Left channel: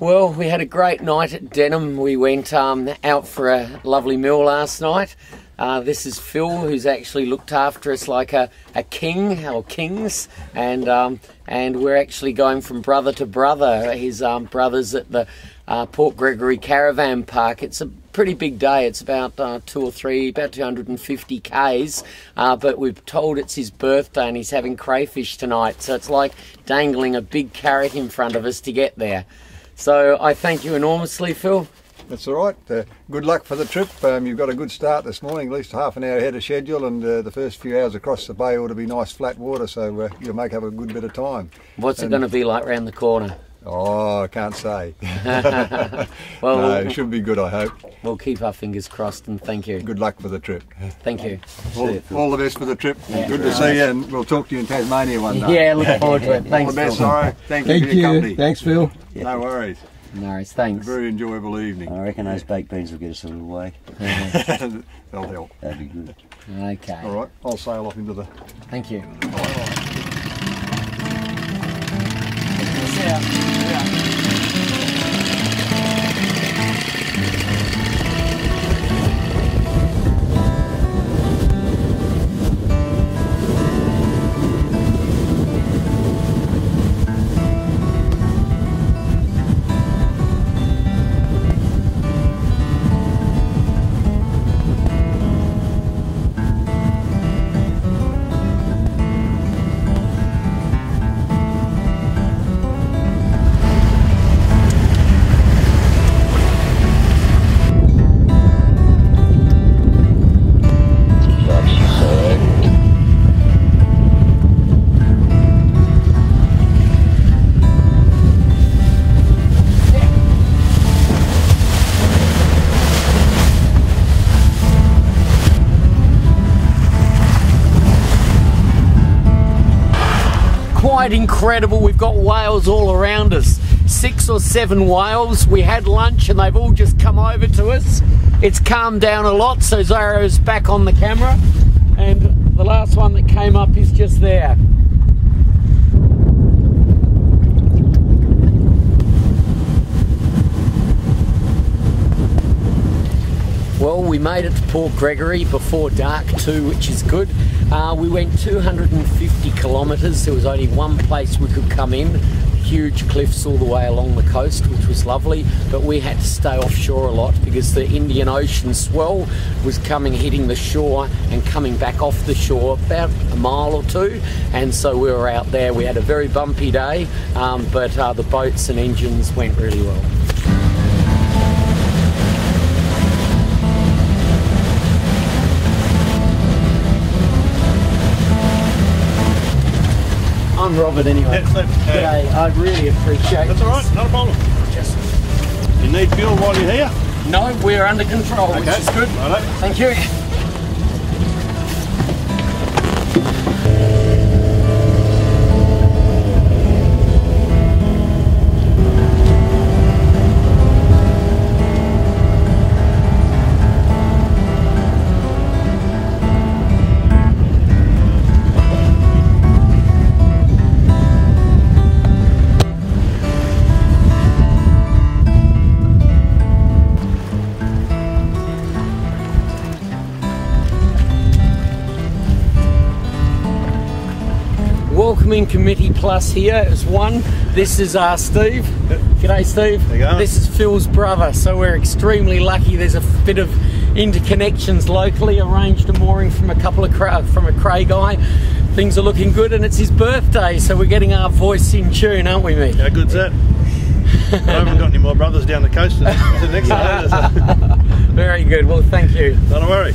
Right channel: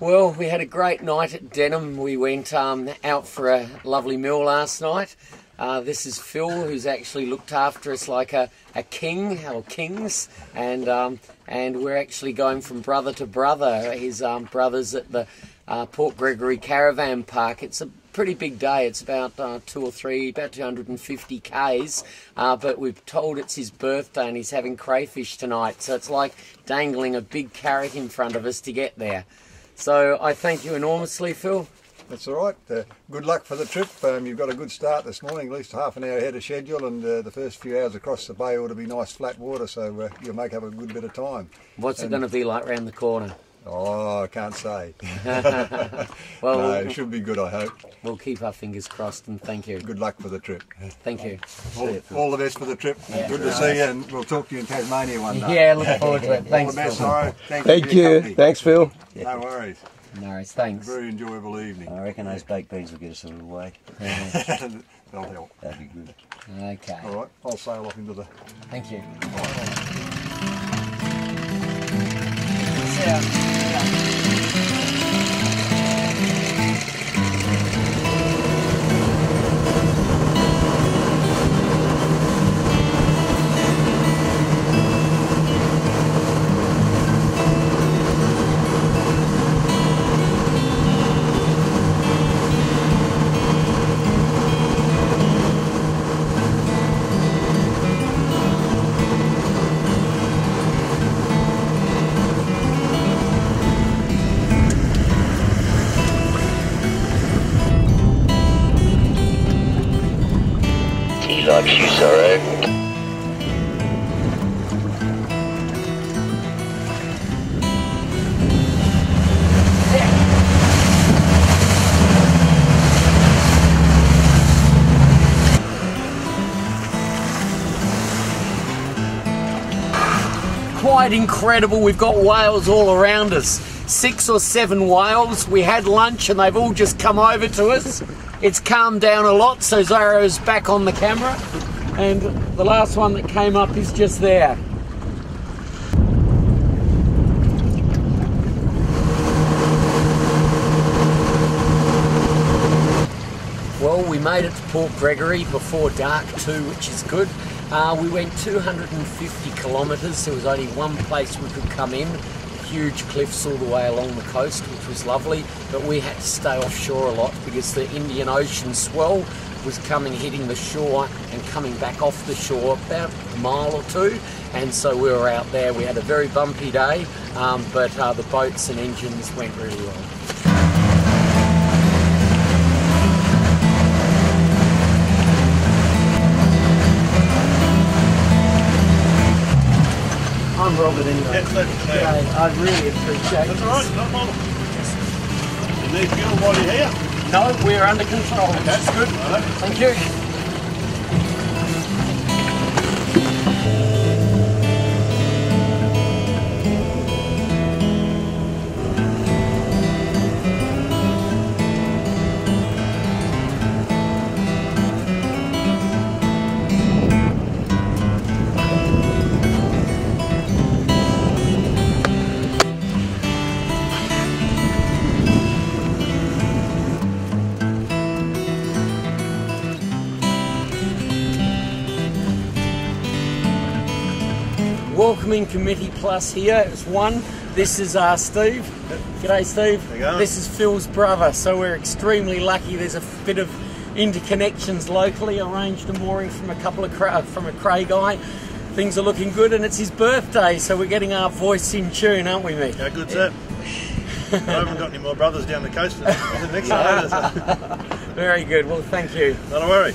Well, we had a great night at Denham. We went out for a lovely meal last night. This is Phil, who's actually looked after us like a king, or kings, and we're actually going from brother to brother. His brother's at the Port Gregory Caravan Park. It's a pretty big day. It's about 250 k's, but we've told it's his birthday and he's having crayfish tonight, so it's like dangling a big carrot in front of us to get there. So I thank you enormously, Phil. That's all right. Good luck for the trip. You've got a good start this morning, at least half an hour ahead of schedule, and the first few hours across the bay ought to be nice flat water, so you'll make up a good bit of time. What's it going to be like round the corner? Oh, I can't say. Well, no, it should be good, I hope. We'll keep our fingers crossed, and thank you. Good luck for the trip. Thank you. All the best for the trip. Yeah. Good to see you, and we'll talk to you in Tasmania one day. Yeah, look forward to it. Thanks, all the best, Phil. Sorry. Thank you for your company. Thanks, Phil. No worries. No worries, thanks. Very enjoyable evening. I reckon those baked beans will get us a little way. They'll help. That'd be good. Okay. All right, I'll sail off into the... Thank you. Like you, sorry. Quite incredible. We've got whales all around us. 6 or 7 whales. We had lunch and they've all just come over to us. It's calmed down a lot, so Zara's back on the camera, and the last one that came up is just there. Well, we made it to Port Gregory before dark too, which is good. We went 250 kilometres. There was only one place we could come in. Huge cliffs all the way along the coast, which was lovely, but we had to stay offshore a lot because the Indian Ocean swell was coming, hitting the shore and coming back off the shore about a mile or two, and so we were out there. We had a very bumpy day, but the boats and engines went really well. I'm Robert anyway. G'day, I really appreciate it. That's alright, not a problem. Just... You need fuel while you're here? No, we're under control, which is good. Right. Thank you. Welcoming Committee Plus here is one. This is Steve. G'day, Steve. How you going? This is Phil's brother, so we're extremely lucky. There's a bit of interconnections locally. Arranged a mooring from a couple of from a cray guy. Things are looking good, and it's his birthday, so we're getting our voice in tune, aren't we, mate? How good's that? I haven't got any more brothers down the coast. Is it next time? Very good. Well, thank you. Not a worry.